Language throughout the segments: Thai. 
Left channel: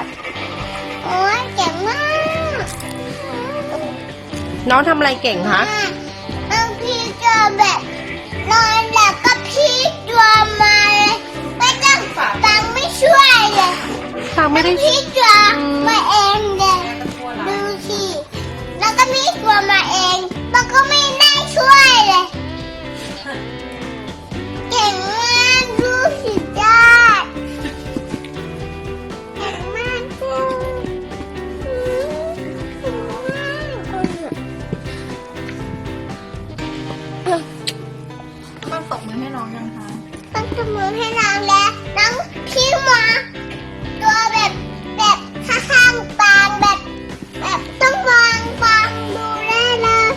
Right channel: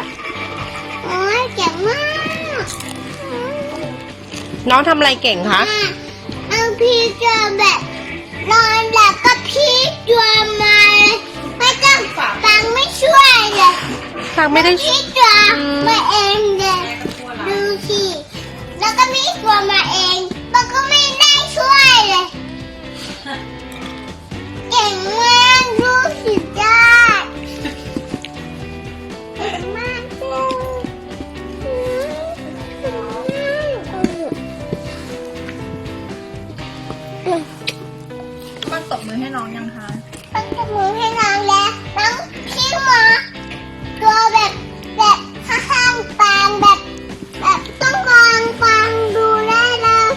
ด โอ้ยเก่งมากน้องทำอะไรเก่งคะ น้องพีจอมแบบนอนหลับก็พี่จอมมาเลยไม่ต้องฟังไม่ช่วยเลยฟังไม่ได้พี่จอมมาเองเลยดูสิแล้วก็พี่จอมมาเอง มันตบมือให้น้องยังคะต้องจมูกให้น้องแล้วน้องขี้หมาตัวแบบแบบข้างๆปางแบบแบบต้องวางปางดูได้เลย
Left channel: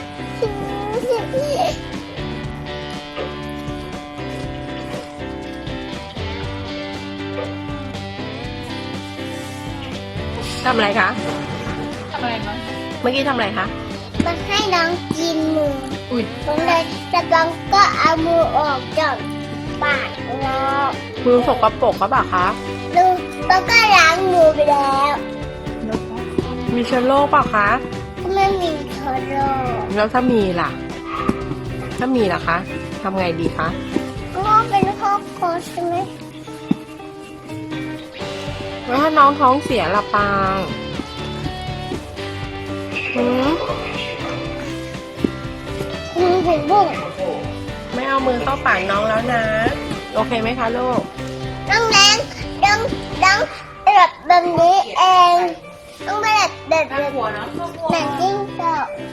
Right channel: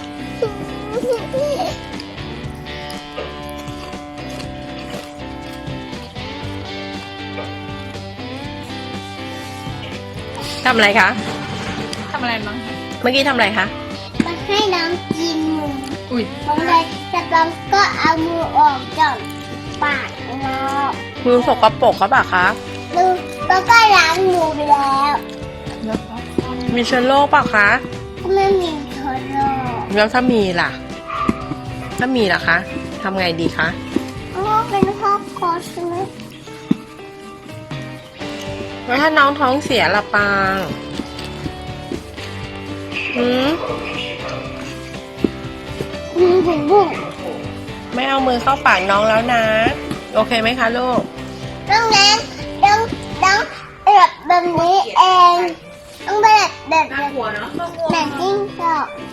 ทำอะไรคะ ทำอะไรบ้างเมื่อกี้ทำอะไรคะ มาให้น้องกินหมู อุ้ยน้องเลยแต่น้องก็เอามือออกจากปากแล้วมือสกปรกเขาปล่ะคะแล้วแล้วก็ล้างมือไปแล้วแล้วก็มีเชื้อโรคเปล่ะคะไม่มีโทรโรคแล้วถ้ามีล่ะ ถ้ามีล่ะคะทำไงดีคะก็เป็นครอบครัวใช่ไหมแล้วถ้าน้องท้องเสียล่ะปางหืม มีถึงบุ้งไม่เอามือเข้าปากน้องแล้วนะ โอเคไหมคะลูกน้องแนนน้องน้องแบบแบบนี้เองน้องแบบแบบแบบหัวเนาะแบบจิ้งจอกนะอ